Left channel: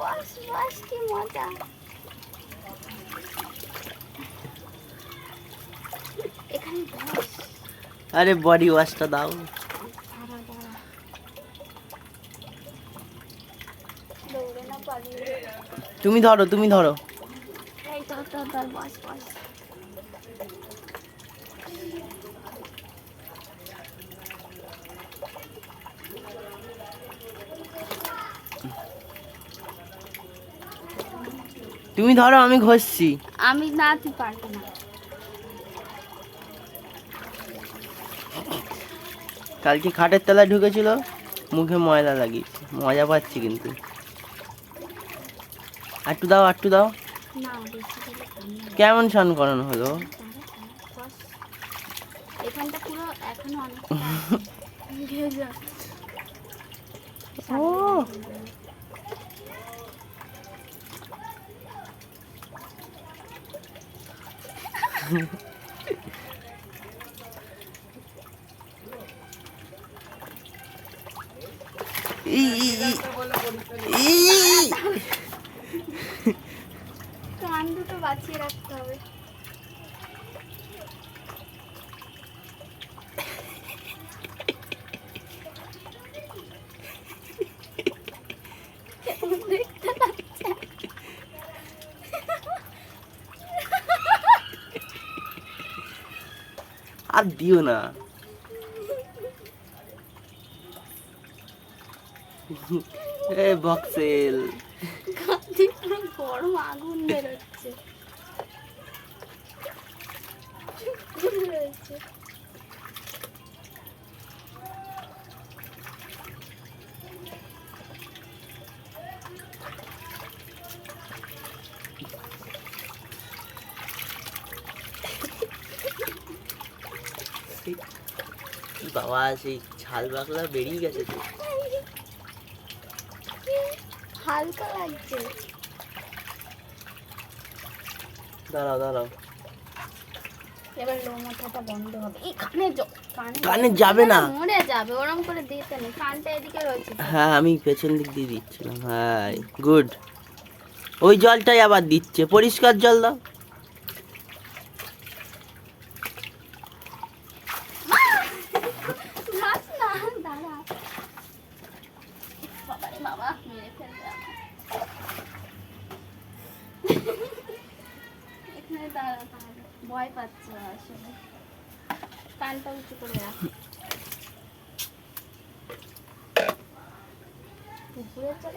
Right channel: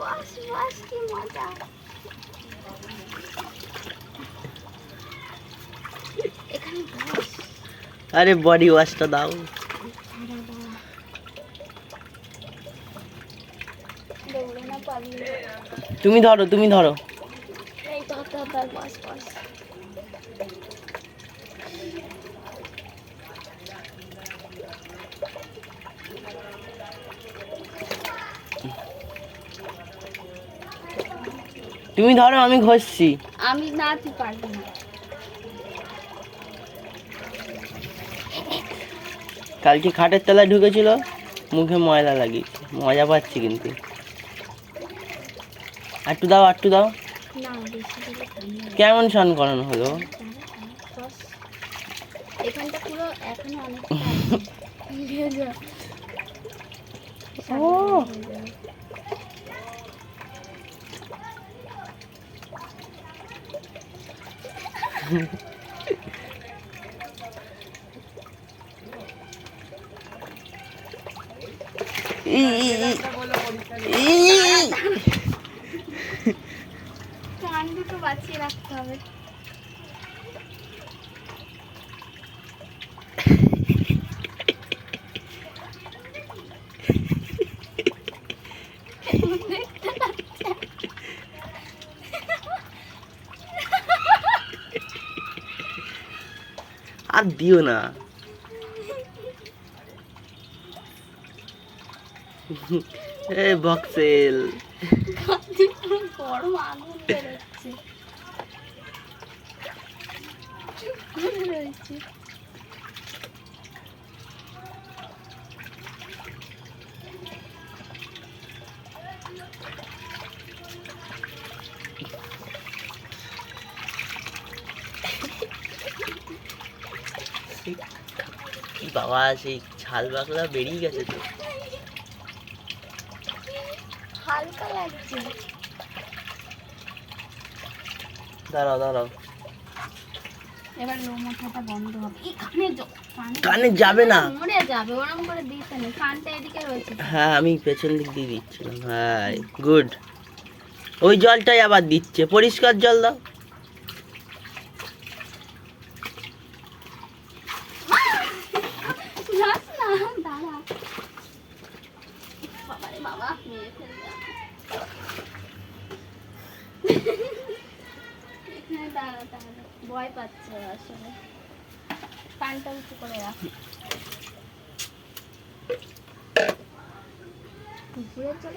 বস বস, কি মজা। এখানে বস। আরে বডি ওয়াশটা দাও। দাঁড়া দাঁড়া, দৌড়ে না পালিয়ে। তুমি ধরো তুমি ধরো। এই তো তো বস বস। তুমি ধরো, আমি ঘষছি। আমি না, তুই পারবি না। কালকে খাটের তলায় ঢুকেছিল, মুখে ময়লা লাগিয়েছে, মজা পাচ্ছি কিন্তু। একটু দাও একটু দাও। না বেশি দিলে ঠান্ডা। কেমন স্নান করানো হলো? বস, এখানটা পুরো এখনো অনেকটা ভেজা। ও কান দুটো বাঁচিয়ে রাখতে হবে। আর দিও না। এ বক্সেল, গরম আগুন বেরোচ্ছে রয়েছে। কি বাবা, সেই ছাল বাকলা বেরিয়ে গেছে তো। হালকা লাগছে। দাঁড়াও দাঁড়াও। এবার লো মাথাটা বন্ধ হবে। এই কানে যাবে না। মরে যাবে, ওরকম করে দিতে নেই। কানটা এদিকে রয়েছে। হ্যাঁ আমি পেছন দিক দিয়ে দিচ্ছিলাম। হ্যাঁ গুড। ওই জলটাই আবার দিচ্ছে, পরিষ্কার জল দাও। যাস না, দাঁড়া। বাবারে বাবা, মেরে ফেলবে আমায়। এখানে দাঁড়া তাহলে, ভয় পাচ্ছে আসলে। কানটা উঁচু করে রাখ। ঘুরে চলে